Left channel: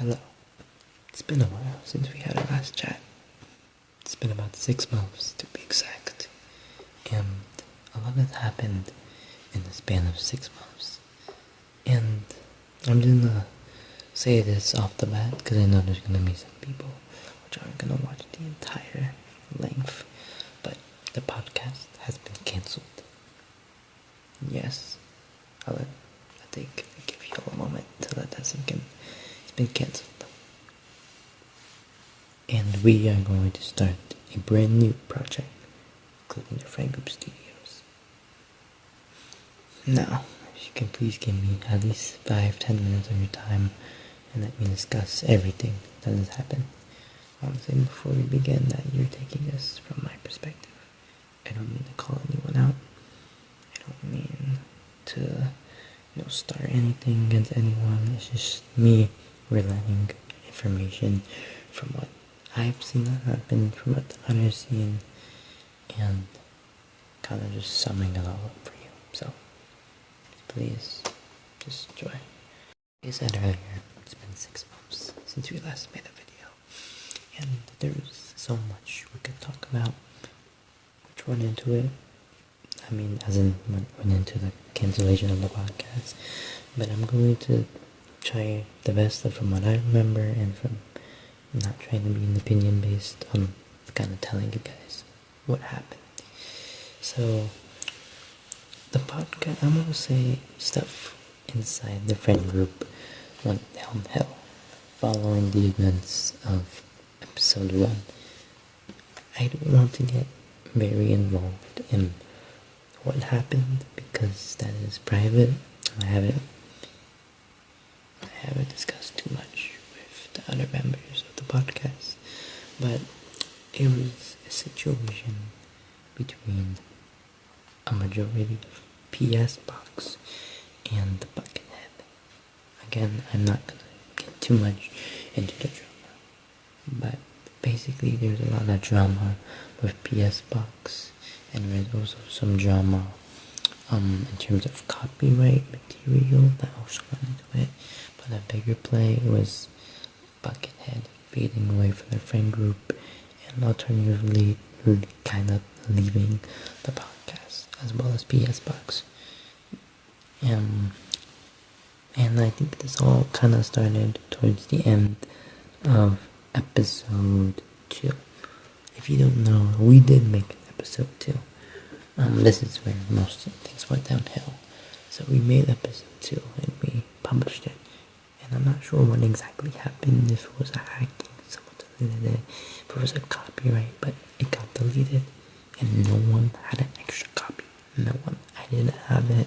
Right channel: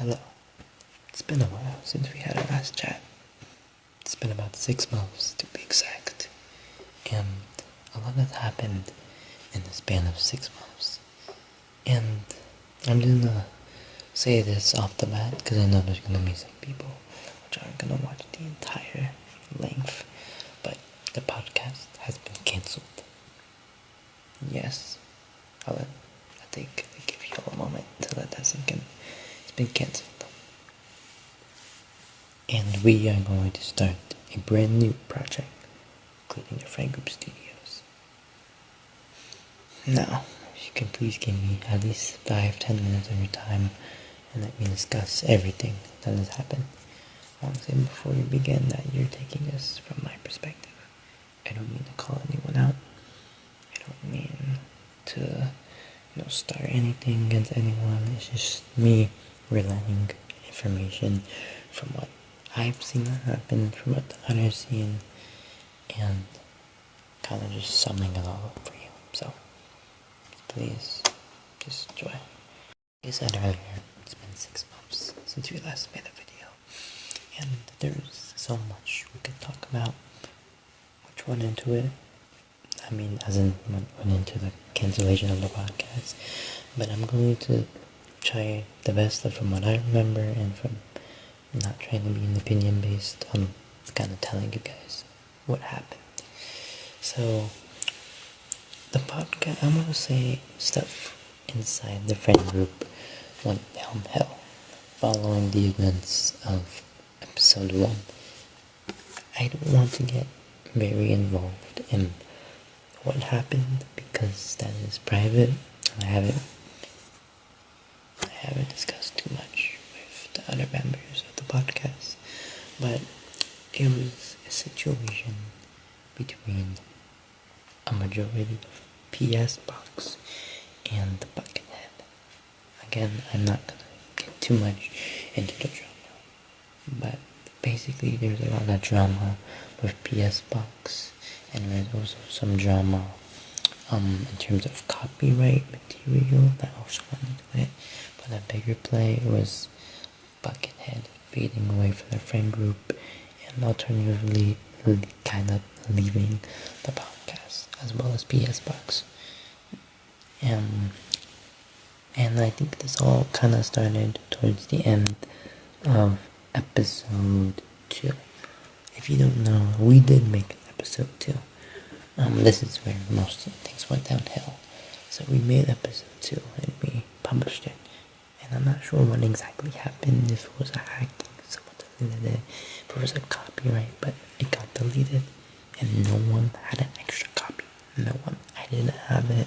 Hello. It's been a while since we had our last chat. It's been about 6 months to be exact. And a lot has happened in the span of 6 months. And I'm just gonna say this off the bat because I know there's gonna be some people which aren't gonna watch the entire length. But the podcast has been cancelled. Yes. I think I give you all a moment to let that sink in. It's been cancelled. And we are going to start a brand new project, including the Friend Group Studios. Now, if you can please give me at least 5-10 minutes of your time and let me discuss everything that has happened. I want to say before we begin that you're taking this from my perspective. I don't mean to call anyone out. I don't mean to start anything against anyone. It's just me relaying information from what I've seen that happen, from what the others seen, and kind of just summing it all up for you. So, please, just enjoy. Like I said earlier, it's been 6 months since we last made a video, and there's so much we could talk about, which went into it. I mean, as in, went into the cancellation of the podcast, but I'm going to try the best of from what I remember and from not trying to be an opinion based on kind of telling you guys what happened. So, the podcast, I'm going to say stuff inside the friend group went downhill following the events of episode 1. I don't want to get very involved in what happened because that is private. I haven't discussed too much with the other members of the podcast, but it was a situation between a majority of PS Box and the Buckethead. Again, I'm not gonna get too much into the drama, but basically there's a lot of drama with PS Box, and there's also some drama in terms of copyright material that also went into it. But a bigger play was Buckethead fading away from the friend group and alternatively kind of leaving the podcast, as well as PS Box. And I think this all kind of started towards the end of episode 2. If you don't know, we did make an episode 2. This is where most things went downhill. So we made episode 2 and we published it. And I'm not sure what exactly happened, if it was a hack, someone deleted it, if it was a copyright, but it got deleted and no one had an extra copy. No one. I didn't have it.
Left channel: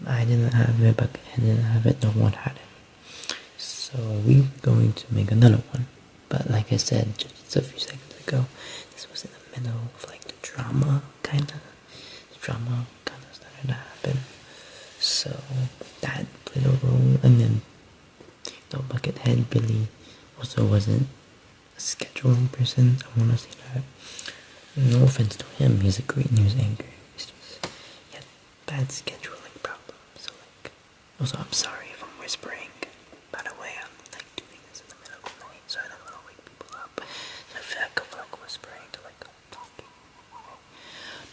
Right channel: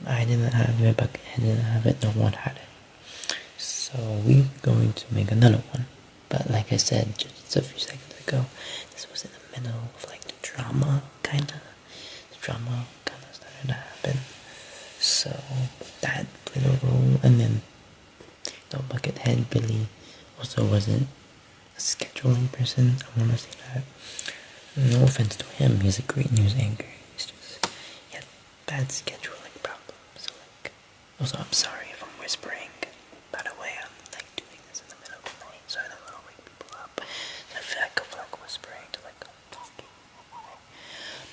But I didn't have it, no one had it. So we're going to make another one. But like I said just a few seconds ago, this was in the middle of like the drama kind of started to happen. So that played a role, and then Buckethead Billy also wasn't a scheduling person. I want to say that. No offense to him, he's a great news anchor. It's just he had bad scheduling problems. So also I'm sorry if I'm whispering. By the way, I'm doing this in the middle of the night, so I don't want to wake people up. So I feel like I'm whispering to I'm talking.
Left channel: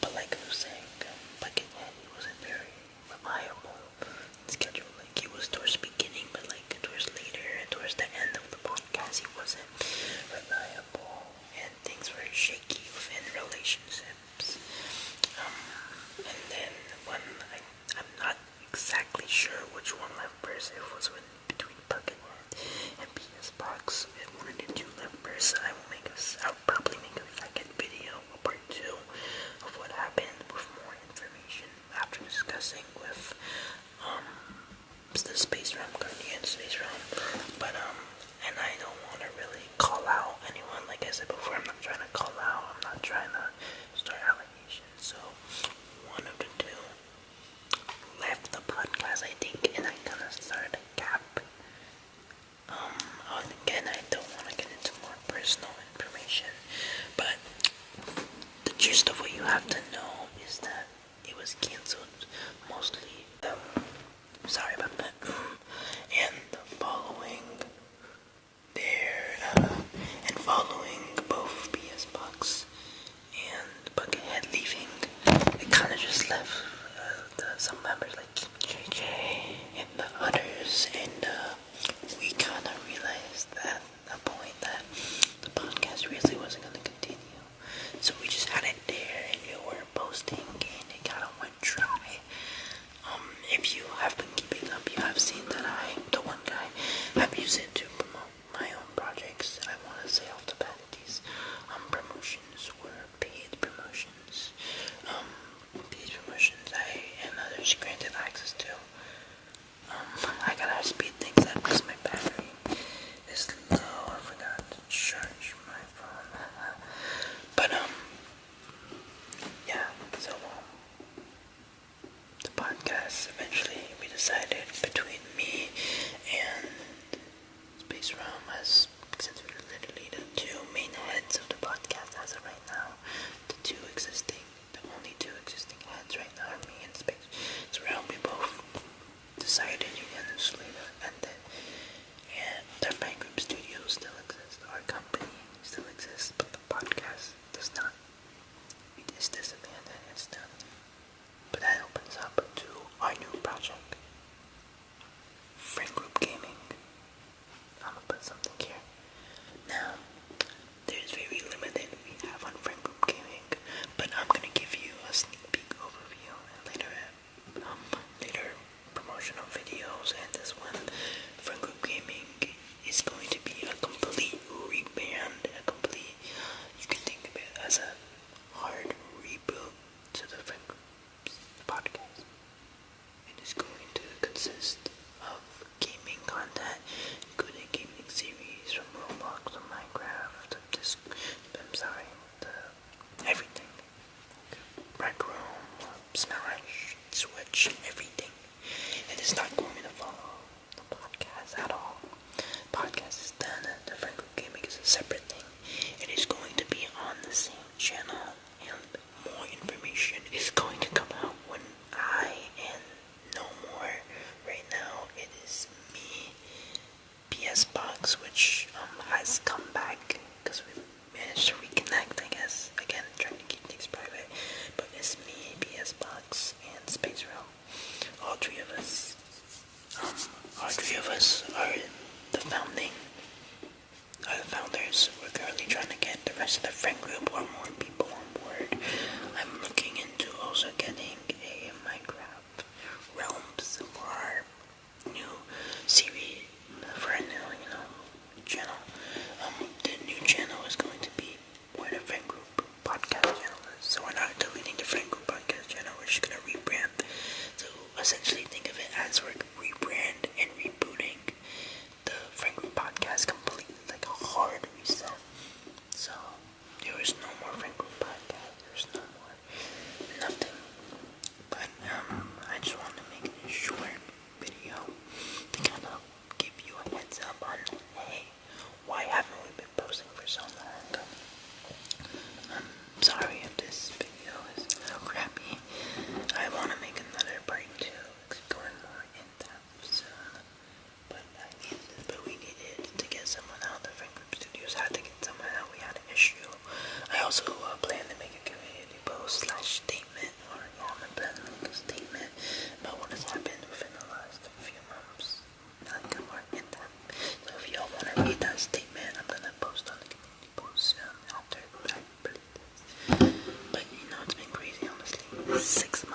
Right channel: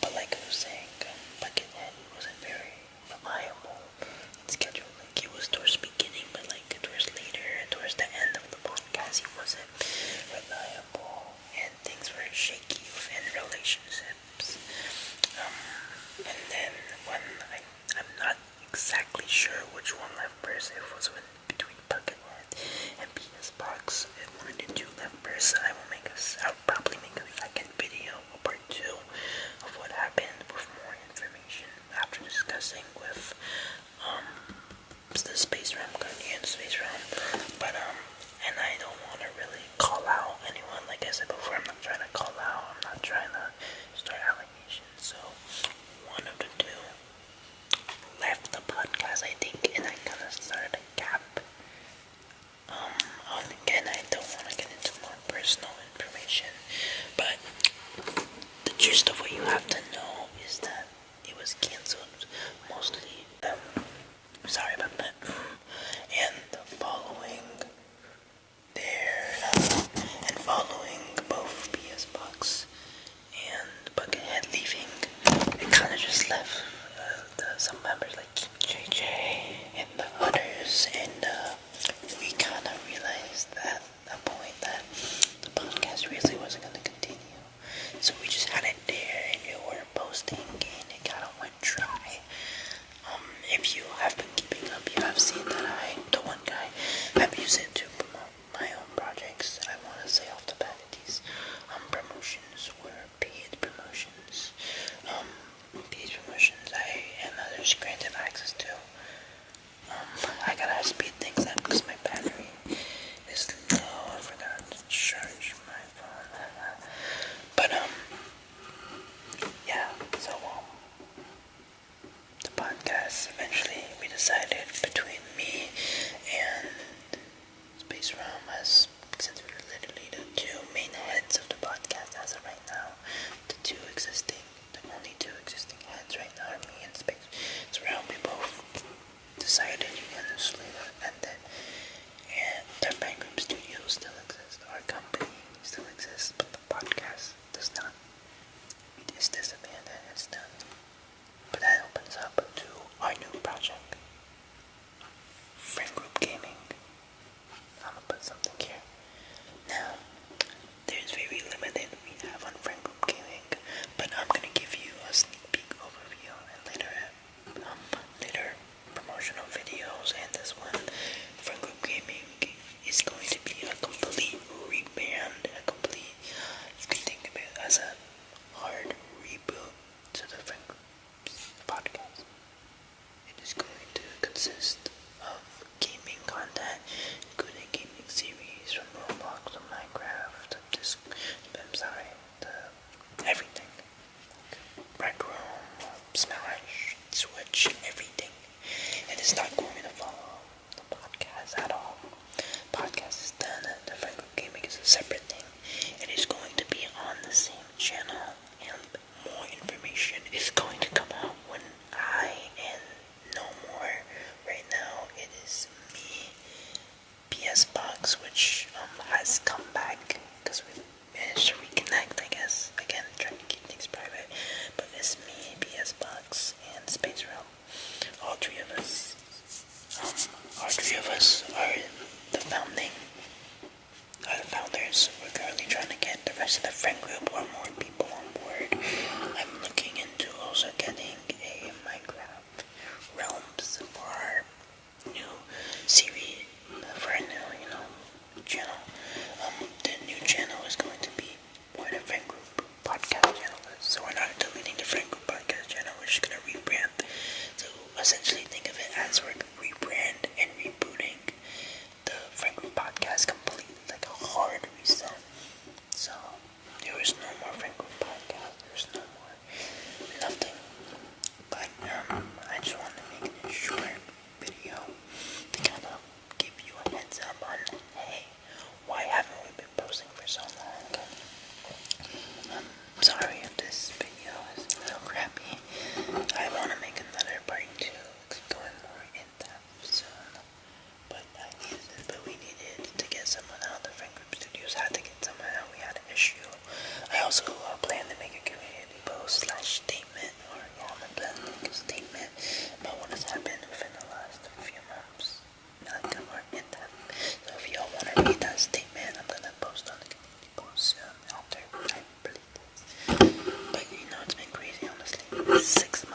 But like I was saying, Buckethead wasn't very reliable in scheduling. He was towards the beginning, but towards later and towards the end of the podcast, he wasn't reliable, and things were shaky within relationships. And then when I'm not exactly sure which one left first, it was between Buckethead and PS Box. If one of the two left first, I'll probably make a second video, a part 2 of what happened with more information after discussing with the Space Realm, Guardian Space Realm. But and I don't want to really call out anyone. Like I said before, I'm not trying to call out. I'm not trying to start allegations. So one of the two left the podcast, I think, and I kind of started a gap. Again, I don't want to get into more personal information, but the gist of what you have to know is that it was cancelled mostly. Sorry about that. And podcast. Eventually, we decided between me and Space Realm, as since we're literally the two main heads of the podcast as of right now, the only two existing heads right now are me and Space Realm. We both decided unanimously and then the Frank Group Studio still exists, our company still exists, but the podcast does not. It is disbanded, it's done. But that opens up to our new project, Frank Group Gaming. I'm gonna put something here. Now, there's very limited we have on Frank Group Gaming, but I'm gonna give you a sneak peek overview and later promotional videos, and this one, Frank Group Gaming is going to be a complete rebrand, you can think of it as a hard reboot to the Frank Group podcast. It is going to consist of gaming content, including gaming series from Roblox or Minecraft, everything. Rec Room, Smash, Switch, everything. And it's not going to follow the podcast at all. Podcast is done, and the Frank Group Gaming is a separate thing. It is going to be on the same channel, and more information is going to come out when I and no more. Right now, it is me, PS Box, which has come back because we managed to reconnect, I guess. Again, trying to keep things private, but it's me, PS Box, and Space Realm. All three of us are the founders. We're currently trying to get the rest of the friend group or more people on board. I'm looking into also getting a Minecraft Realms for our new series, for our new, channel. The new channel is going to be where the friend group podcast channel is. So we're not deleting the friend group podcast channel, we're just going to rebrand. So essentially think of it as we're rebrand and rebooting the Frank Group podcast completely, like a hard reset. So there was no more Frank Group podcast, there was no more nothing. But I just want to make a short video to kind of give you a heads up on, hey, why haven't we been posting for so long? Sorry if this video is a little crappy. I want to make another part 2, going more in depth soon. But we needed to get someone out. The Frank Group Studios had to get someone out. We had an issue. I also plan to make a community post / statement, or I'm plan to make a statement about what has happened within the last few months. Not more in depth. So if y'all want to read that statement, I'm gonna post on the community post after I release this. But it's been crazy, honestly. 6